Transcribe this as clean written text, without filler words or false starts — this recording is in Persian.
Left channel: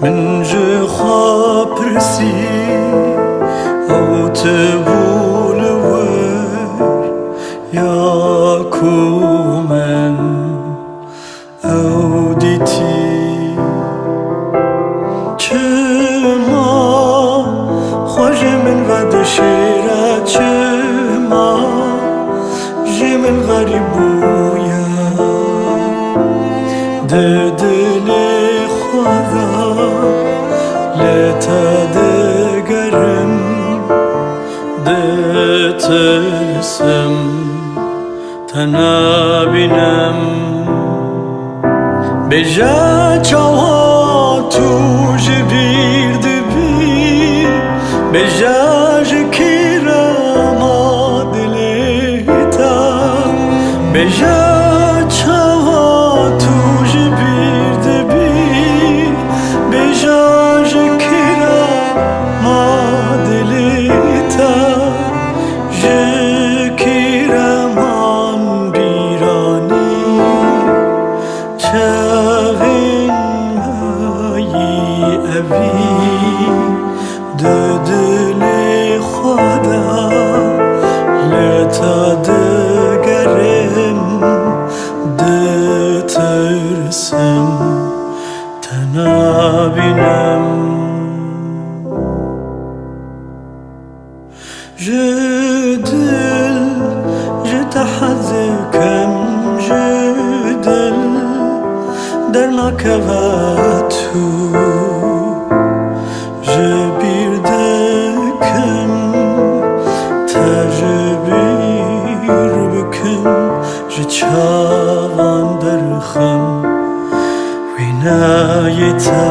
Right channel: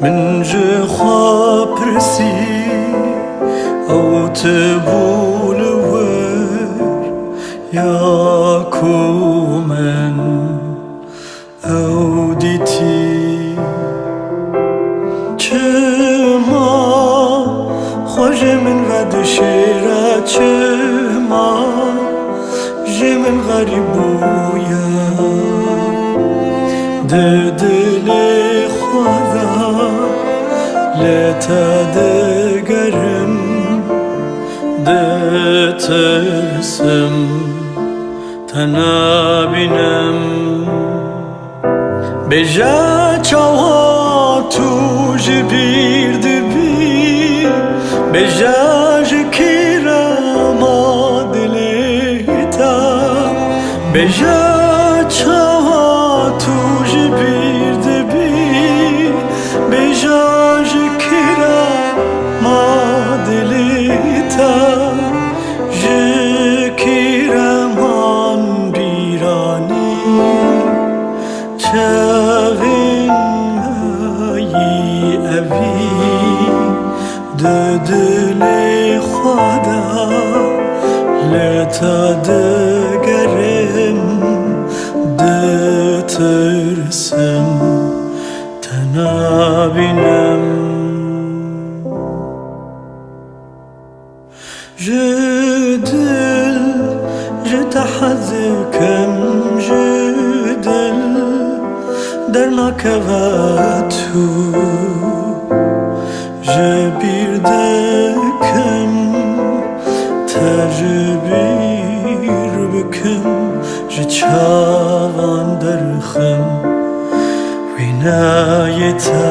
من جه خواه پرسی او تبول ور یا کو من او دیتی چما خوش من ود شیره چما جه من غریب بویا ده دل خدا لتا دگرم ده ترسم تنها بینم بجا چاوا تو جبیر دبی بجا جکیرا ما دلیتا بجا چاوا تو جبیر دبی بجا جکیرا ما دلیتا جکیرا من بیرانی چاوین مایی اوی ده دل خدا لتا دگرم ده ترسم تنها بینم جدل جتحذكم جدل درنا كواتو جبير دكم تجبير بكم جتشاوان درخم وينايتا